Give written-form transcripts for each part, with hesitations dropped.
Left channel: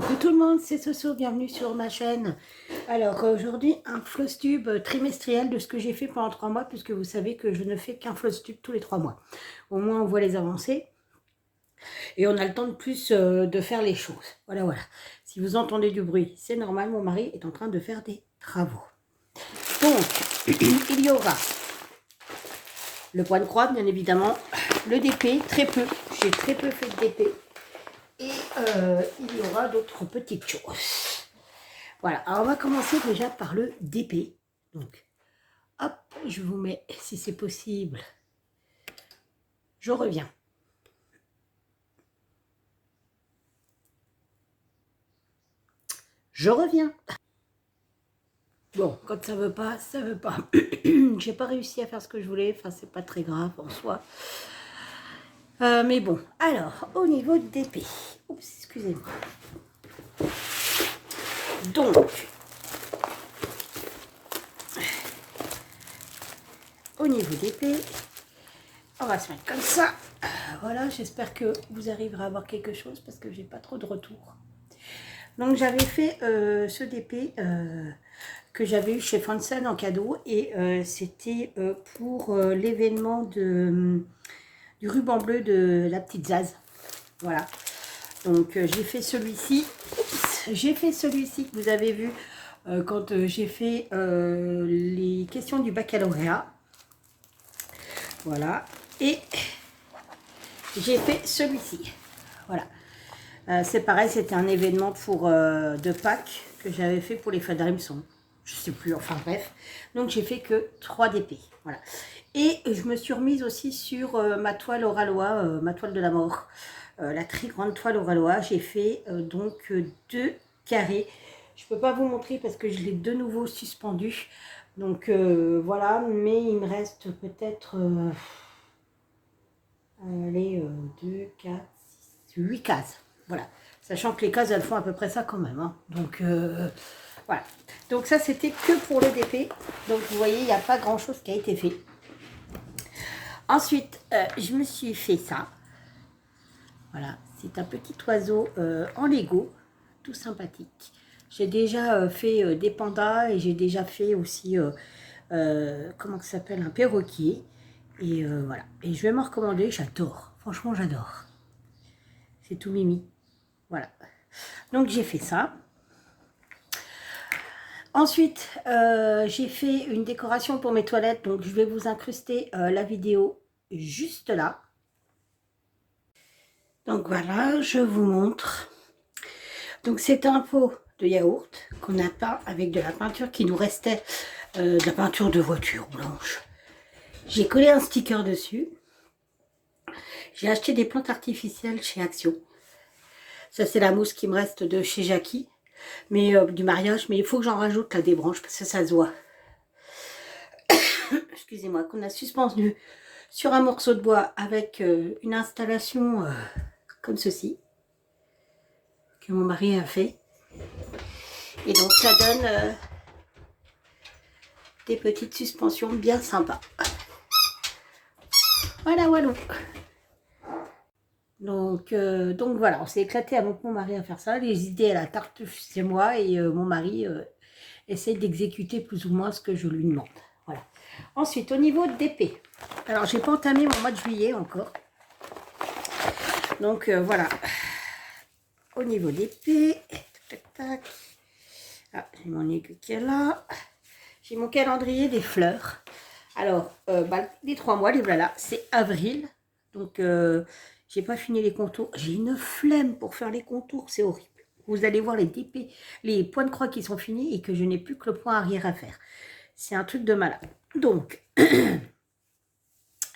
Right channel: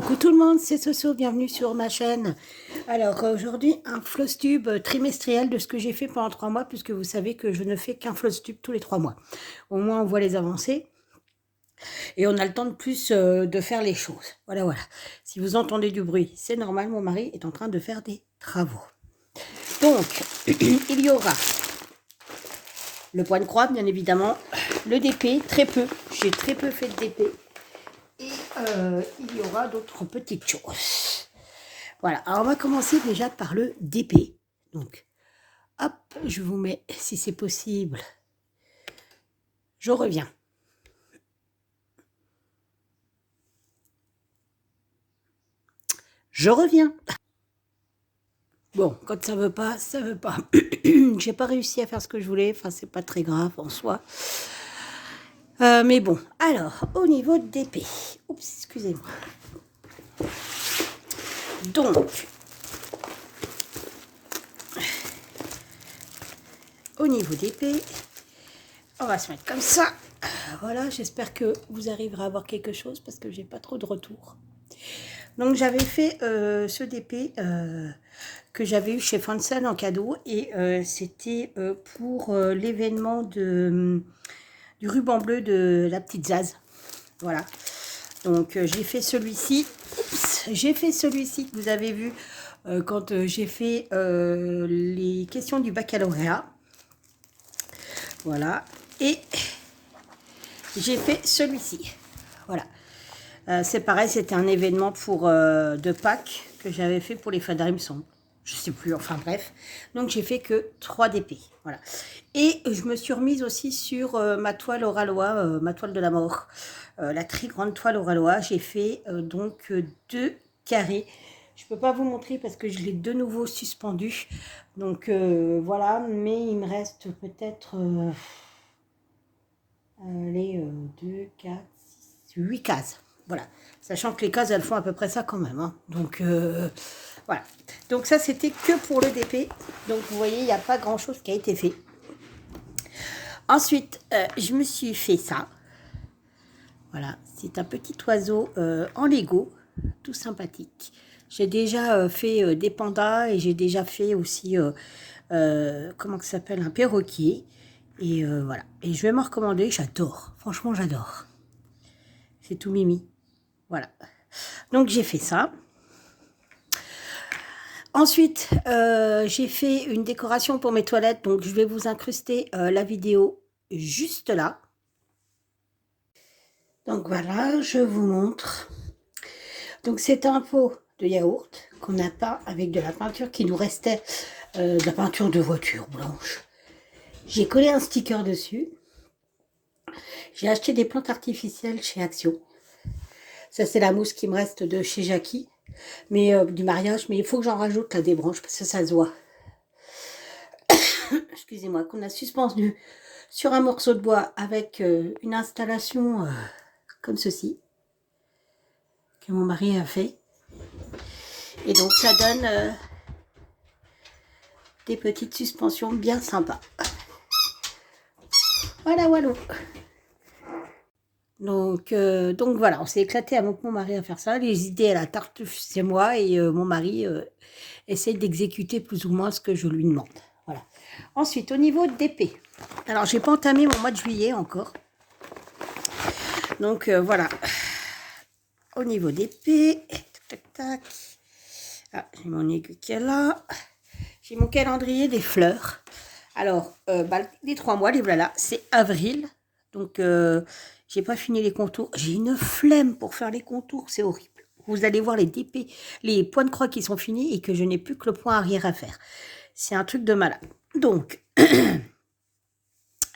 Coucou tout le monde, c'est Soso, bienvenue sur ma chaîne. Alors aujourd'hui, un floss tube trimestriel de ce que j'ai fait pendant 3 mois, puisque vous savez que je ne fais qu'un floss tube tous les 3 mois. Au moins on voit les avancées et on a le temps de plus de faire les choses. Voilà. Si vous entendez du bruit, c'est normal, mon mari est en train de faire des travaux. Donc, il y aura le point de croix, bien évidemment, le DP, très peu, j'ai très peu fait de DP. Et il y aura d'autres petites choses. Voilà, alors on va commencer déjà par le DP. Donc, hop, je vous mets, si c'est possible, je reviens. Je reviens. Bon, quand ça veut pas, ça veut pas. J'ai pas réussi à faire ce que je voulais, enfin c'est pas très grave en soi. Mais bon, alors, au niveau de DP, oups, excusez-moi. Donc, au niveau d'épée, on va se mettre comme ça. Voilà, j'espère que vous arriverez à avoir quelque chose parce que j'ai pas trop de retour. Donc j'avais fait ce DP que j'avais eu chez Fansen en cadeau et c'était pour l'événement du ruban bleu de la petite Zaz. Voilà. Donc j'ai fait celui-ci. J'ai fait celui-ci que vous avez vu quand j'ai fait les questions du baccalauréat. Voilà. Et j'ai fait celui-ci. Voilà. C'est pareil, c'était un événement de Pâques que j'avais fait pour les Fadarimson. Je sais plus, enfin bref. Donc j'ai fait que 3 DP. Voilà. Et je me suis remise aussi sur ma toile Oralois, ma toile de la mort. La très grande toile Oralois. J'ai fait donc 2 carrés. Je ne peux pas vous montrer parce que je l'ai de nouveau suspendu. Donc voilà, mais il me reste peut-être... allez, 2, 4, 6, 8 cases. Voilà. Sachant que les cases, elles font à peu près ça quand même. Hein. Donc, voilà. Donc, ça, c'était que pour le DP. Donc, vous voyez, il n'y a pas grand-chose qui a été fait. Ensuite, je me suis fait ça. Voilà. C'est un petit oiseau en Lego. Tout sympathique. J'ai déjà fait des pandas et j'ai déjà fait aussi, comment ça s'appelle, un perroquet. Et voilà. Et je vais m'en recommander. J'adore. Franchement, j'adore. C'est tout mimi. Voilà. Donc, j'ai fait ça. Ensuite, j'ai fait une décoration pour mes toilettes. Donc, je vais vous incruster la vidéo juste là. Donc, voilà, je vous montre. Donc, c'est un pot de yaourt qu'on a peint avec de la peinture qui nous restait, de la peinture de voiture blanche. J'ai collé un sticker dessus. J'ai acheté des plantes artificielles chez Action. Ça, c'est la mousse qui me reste de chez Jackie, mais du mariage. Mais il faut que j'en rajoute là des branches parce que ça se voit. Excusez-moi, qu'on a suspendu sur un morceau de bois avec une installation comme ceci, que mon mari a fait. Et donc, ça donne des petites suspensions bien sympas. Voilà. Donc voilà, on s'est éclaté avec mon mari à faire ça. Les idées à la tarte, c'est moi et mon mari essaye d'exécuter plus ou moins ce que je lui demande. Voilà. Ensuite, au niveau d'épée. Alors, j'ai pas entamé mon mois de juillet encore. Donc voilà. Au niveau d'épée, tac. Ah, j'ai mon aiguille qui est là. J'ai mon calendrier des fleurs. Alors, les 3 mois, les voilà, c'est avril. Donc, j'ai pas fini les contours. J'ai une flemme pour faire les contours, c'est horrible. Vous allez voir les DP, les points de croix qui sont finis et que je n'ai plus que le point arrière à faire. C'est un truc de malade. Donc,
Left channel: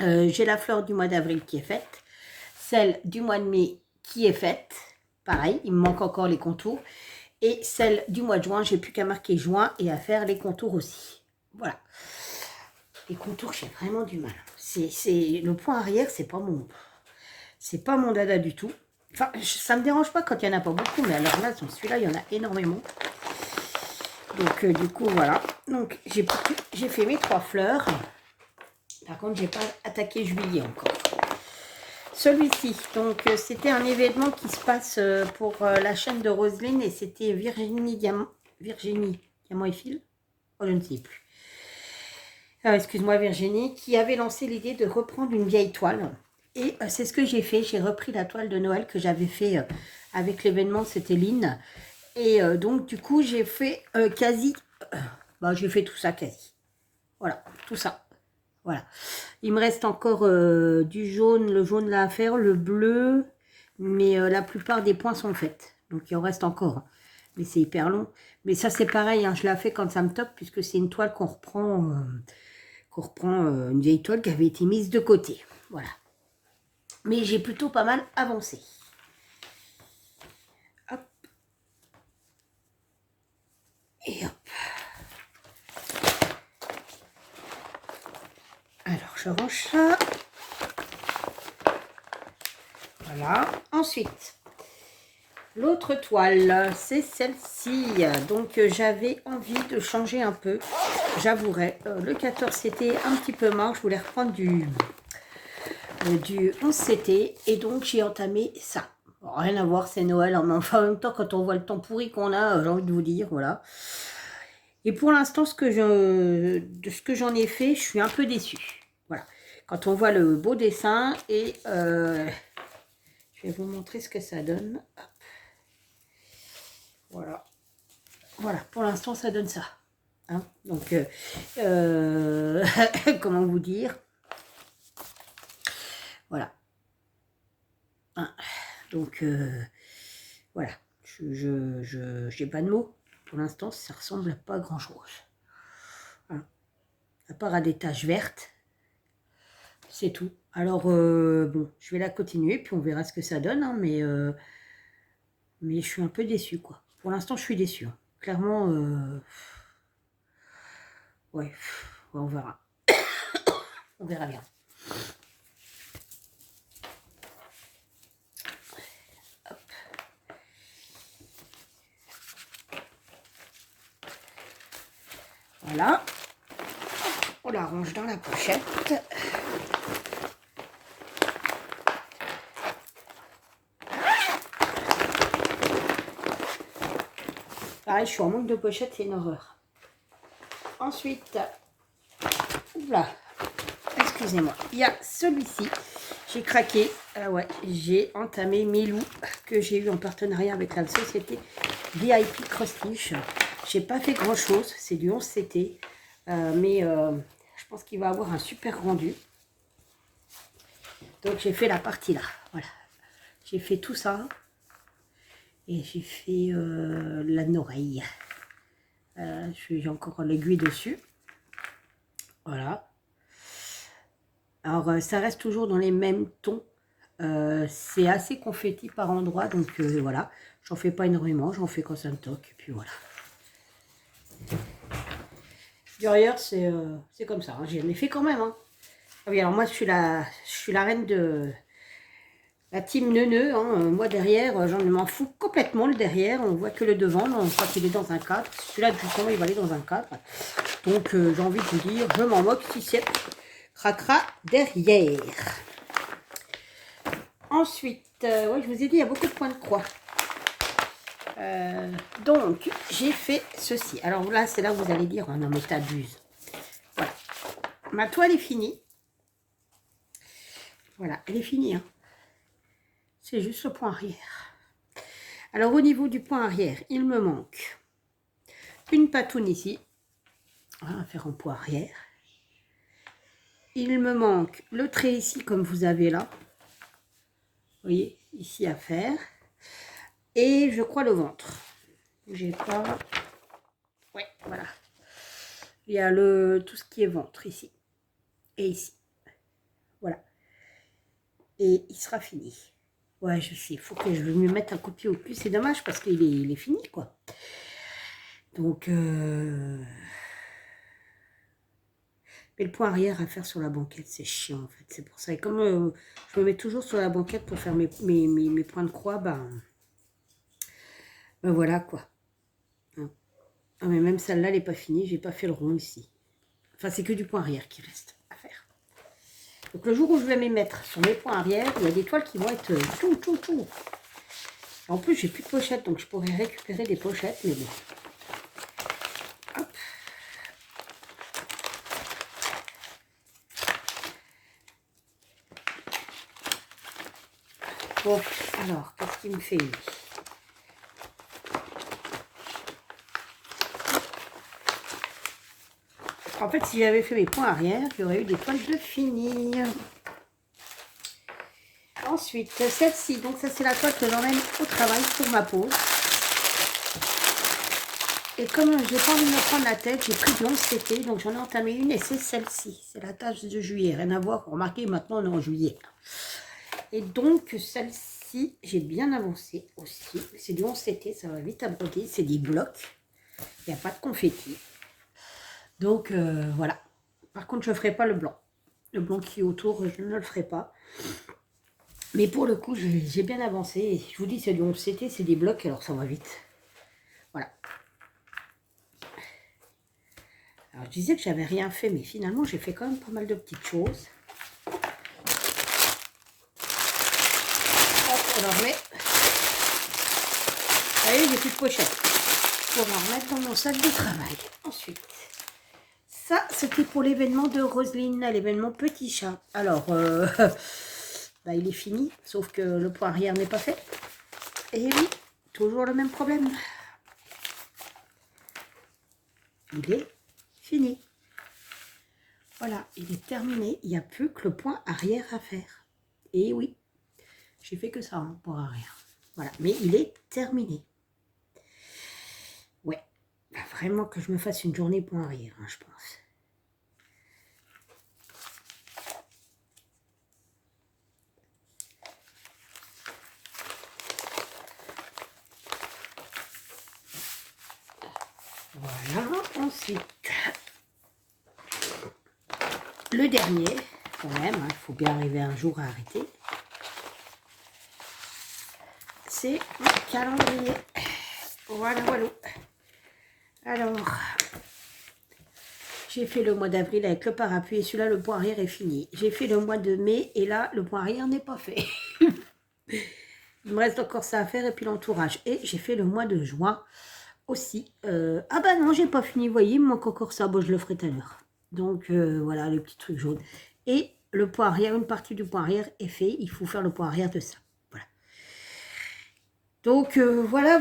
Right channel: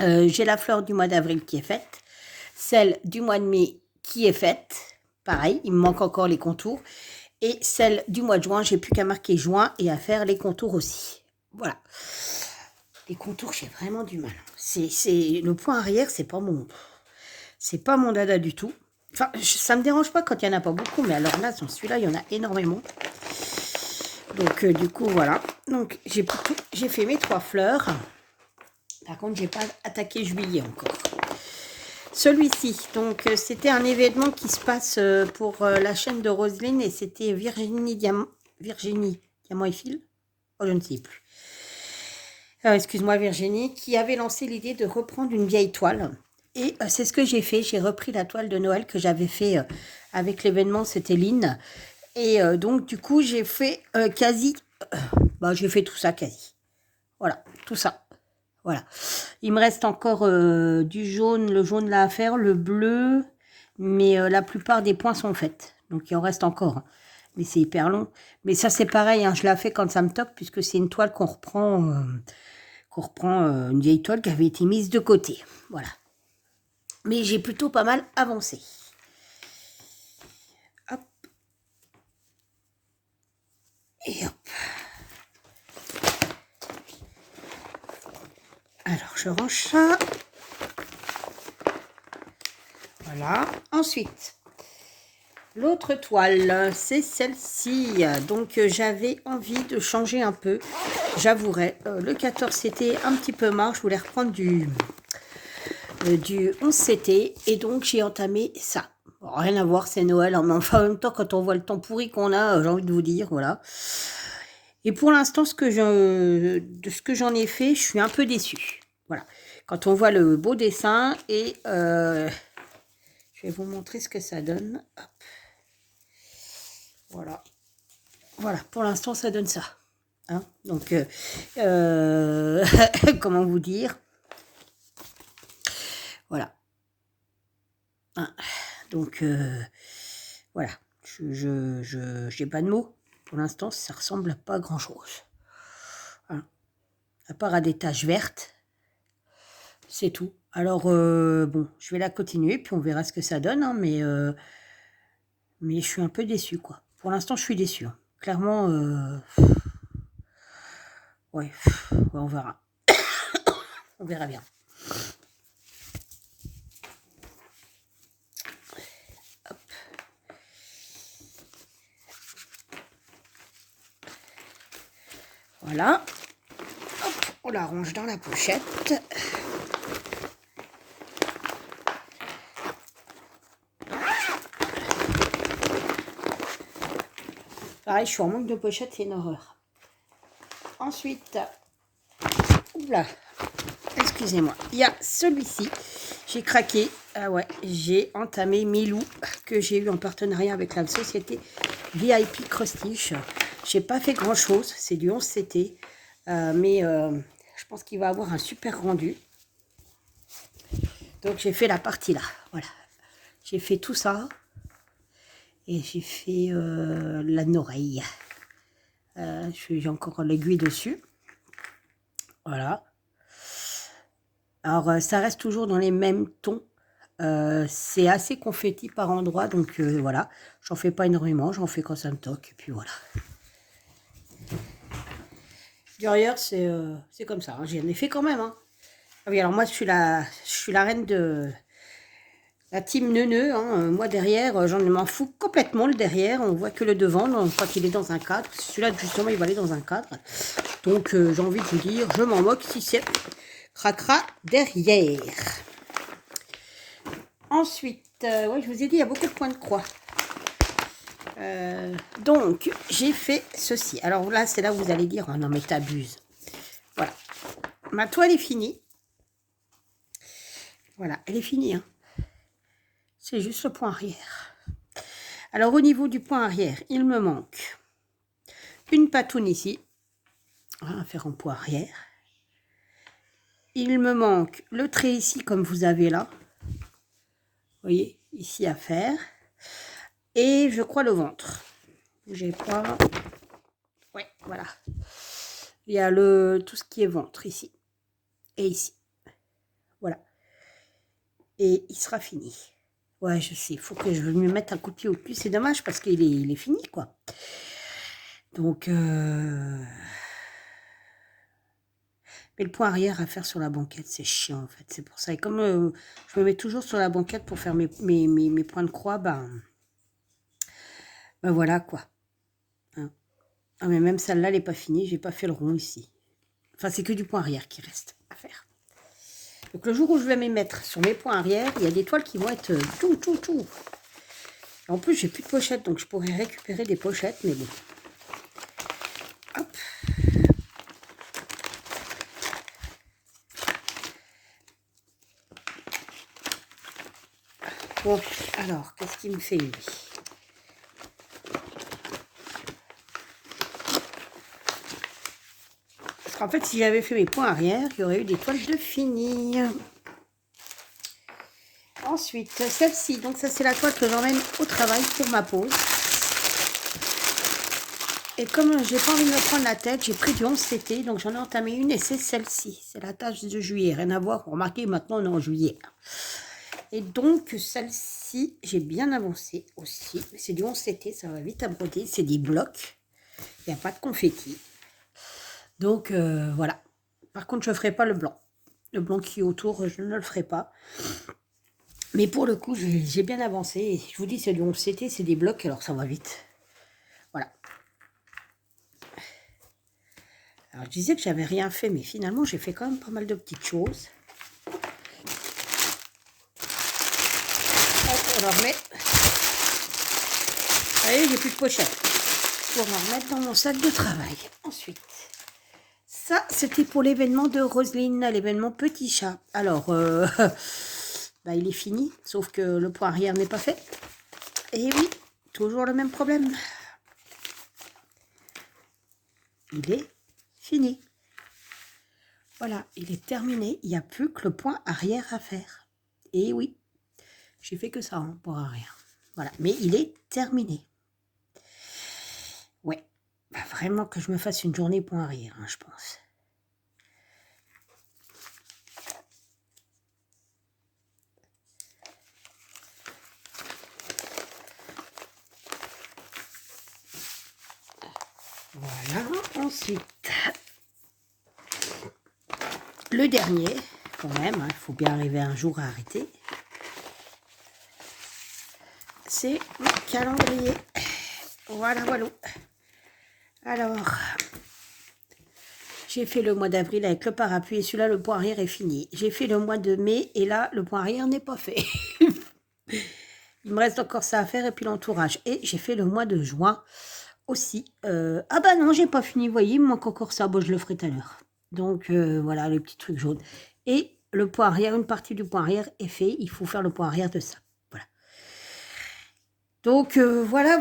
j'ai la fleur du mois d'avril qui est faite. Celle du mois de mai qui est faite. Pareil, il me manque encore les contours. Et celle du mois de juin, j'ai plus qu'à marquer juin et à faire les contours aussi. Voilà. Les contours, j'ai vraiment du mal. Le point arrière, c'est pas mon dada du tout. Enfin, ça me dérange pas quand il n'y en a pas beaucoup, mais alors là, sur celui-là, il y en a énormément. Donc, du coup, voilà. Donc, j'ai fait mes 3 fleurs. Par contre, j'ai pas attaqué juillet encore. celui-ci. Donc, c'était un événement qui se passe pour la chaîne de Roselyne et c'était Virginie Diamant et Fil. Oh, je ne sais plus. Excuse-moi Virginie, qui avait lancé l'idée de reprendre une vieille toile. Et c'est ce que j'ai fait. J'ai repris la toile de Noël que j'avais fait avec l'événement, c'était Lynn. Et donc, du coup, j'ai fait quasi... j'ai fait tout ça quasi. Voilà, tout ça. Voilà. Il me reste encore du jaune, le jaune là à faire, le bleu. Mais la plupart des points sont faits. Donc, il en reste encore. Hein. Mais c'est hyper long. Mais ça, c'est pareil. Hein, je la fais quand ça me toque, puisque c'est une toile qu'on reprend... une vieille toile qui avait été mise de côté. Voilà. Mais j'ai plutôt pas mal avancé. Hop. Et hop. Alors, je range ça. Voilà. Ensuite, l'autre toile, c'est celle-ci. Donc, j'avais envie de changer un peu. J'avouerai. Le 14, c'était un petit peu marre. Je voulais reprendre du 11CT. Et donc, j'ai entamé ça. Bon, rien à voir, c'est Noël. Mais enfin, en même temps, quand on voit le temps pourri qu'on a, j'ai envie de vous dire, voilà. Et pour l'instant, de ce que j'en ai fait, je suis un peu déçue. Voilà. Quand on voit le beau dessin et je vais vous montrer ce que ça donne. Hop. Voilà. Voilà, pour l'instant, ça donne ça. Hein, donc, comment vous dire? Voilà. Hein, donc, voilà. Je n'ai pas de mots. Pour l'instant, ça ressemble à pas grand-chose. Hein. À part à des taches vertes. C'est tout. Alors, bon, je vais la continuer, puis on verra ce que ça donne. Hein, mais je suis un peu déçue, quoi. Pour l'instant, je suis déçue. Hein. Clairement, ouais, on verra. On verra bien. Hop. Voilà. On la range dans la pochette. Pareil, je suis en manque de pochette, c'est une horreur. Ensuite, oula, excusez-moi, il y a celui-ci. J'ai craqué. Ah ouais, j'ai entamé Milou, que j'ai eu en partenariat avec la société VIP Crostiche. J'ai pas fait grand-chose, c'est du 11CT. Mais je pense qu'il va avoir un super rendu. Donc j'ai fait la partie là. Voilà. J'ai fait tout ça. Et j'ai fait la oreille. J'ai encore l'aiguille dessus. Voilà. Alors ça reste toujours dans les mêmes tons. C'est assez confetti par endroits. Donc voilà. J'en fais pas énormément. J'en fais quand ça me toque. Et puis voilà. Derrière, c'est comme ça. Hein. J'en ai fait quand même. Hein. Ah oui, alors moi, je suis la reine de la team neuneu. Hein. Moi, derrière, j'en m'en fous complètement le derrière. On voit que le devant. On voit qu'il est dans un cadre. Celui-là, justement, il va aller dans un cadre. Donc, j'ai envie de vous dire, je m'en moque si c'est cracra derrière. Ensuite, oui, je vous ai dit, il y a beaucoup de points de croix. Donc, j'ai fait ceci. Alors là, c'est là où vous allez dire, oh non, mais t'abuses. Voilà. Ma toile est finie. Voilà, elle est finie. Hein. C'est juste le point arrière. Alors, au niveau du point arrière, il me manque une patoune ici. On va faire en point arrière. Il me manque le trait ici, comme vous avez là. Vous voyez, ici à faire. Et je crois le ventre. J'ai pas... Ouais, voilà. Il y a tout ce qui est ventre ici. Et ici. Voilà. Et il sera fini. Ouais, je sais. Il faut que je me mette un coup de pied au cul. C'est dommage parce qu'il est fini, quoi. Donc... Mais le point arrière à faire sur la banquette, c'est chiant, en fait. C'est pour ça. Et comme je me mets toujours sur la banquette pour faire mes points de croix, ben voilà, quoi. Hein. Ah, mais même celle-là, elle n'est pas finie. J'ai pas fait le rond ici. Enfin, c'est que du point arrière qui reste à faire. Donc le jour où je vais m'y mettre sur mes points arrière, il y a des toiles qui vont être tout. En plus, j'ai plus de pochettes, donc je pourrais récupérer des pochettes, mais bon. Hop. Bon, alors, qu'est-ce qu'il me fait lui? En fait, si j'avais fait mes points arrière, il y aurait eu des toiles de fini. Ensuite, celle-ci, donc ça c'est la toile que j'emmène au travail pour ma pause. Et comme j'ai pas envie de me prendre la tête, j'ai pris du 11 CT, donc j'en ai entamé une et c'est celle-ci. C'est la tâche de juillet, rien à voir, remarquez, maintenant on est en juillet. Et donc celle-ci, j'ai bien avancé aussi. C'est du 11 CT, ça va vite à broder, c'est des blocs. Il n'y a pas de confetti. Donc voilà. Par contre, je ne ferai pas le blanc. Le blanc qui est autour, je ne le ferai pas. Mais pour le coup, j'ai bien avancé. Je vous dis, c'est du 11 CT, c'est des blocs, alors ça va vite. Voilà. Alors, je disais que j'avais rien fait, mais finalement, j'ai fait quand même pas mal de petites choses. Hop, on la remet. Vous voyez, j'ai plus de pochette. Je vais la remettre dans mon sac de travail. Ensuite, ça, c'était pour l'événement de Roselyne, l'événement Petit Chat. Alors, bah, il est fini, sauf que le point arrière n'est pas fait. Et oui, toujours le même problème. Il est fini. Voilà, il est terminé. Il n'y a plus que le point arrière à faire. Et oui, j'ai fait que ça, hein, pour arrière. Voilà, mais il est terminé. Ouais, bah, vraiment que je me fasse une journée point arrière, hein, je pense. Voilà, ensuite, le dernier, quand même, il faut bien arriver un jour à arrêter, c'est le calendrier. Voilà. Alors, j'ai fait le mois d'avril avec le parapluie et celui-là, le point arrière est fini. J'ai fait le mois de mai et là, le point arrière n'est pas fait. Il me reste encore ça à faire et puis l'entourage. Et j'ai fait le mois de juin aussi. Ah bah non, j'ai pas fini, vous voyez, il me manque encore ça. Bon, je le ferai tout à l'heure. Donc voilà, le petit truc jaune. Et le point arrière, une partie du point arrière est fait. Il faut faire le point arrière de ça. Voilà. Donc voilà.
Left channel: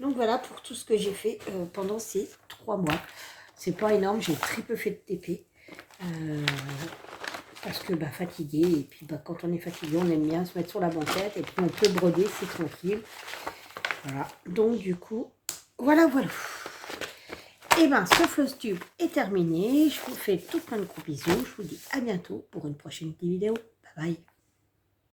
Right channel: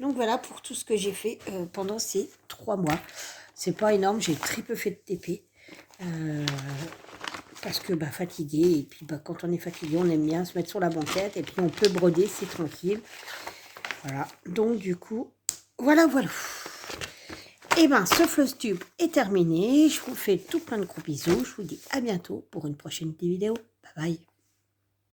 Donc voilà pour tout ce que j'ai fait pendant ces 3 mois. C'est pas énorme, j'ai très peu fait de TP. Parce que bah, fatigué, et puis bah, quand on est fatigué, on aime bien se mettre sur la banquette, et puis on peut broder, c'est tranquille. Voilà, donc du coup, voilà. Et bien, ce floss tube est terminé. Je vous fais tout plein de gros bisous. Je vous dis à bientôt pour une prochaine vidéo. Bye bye.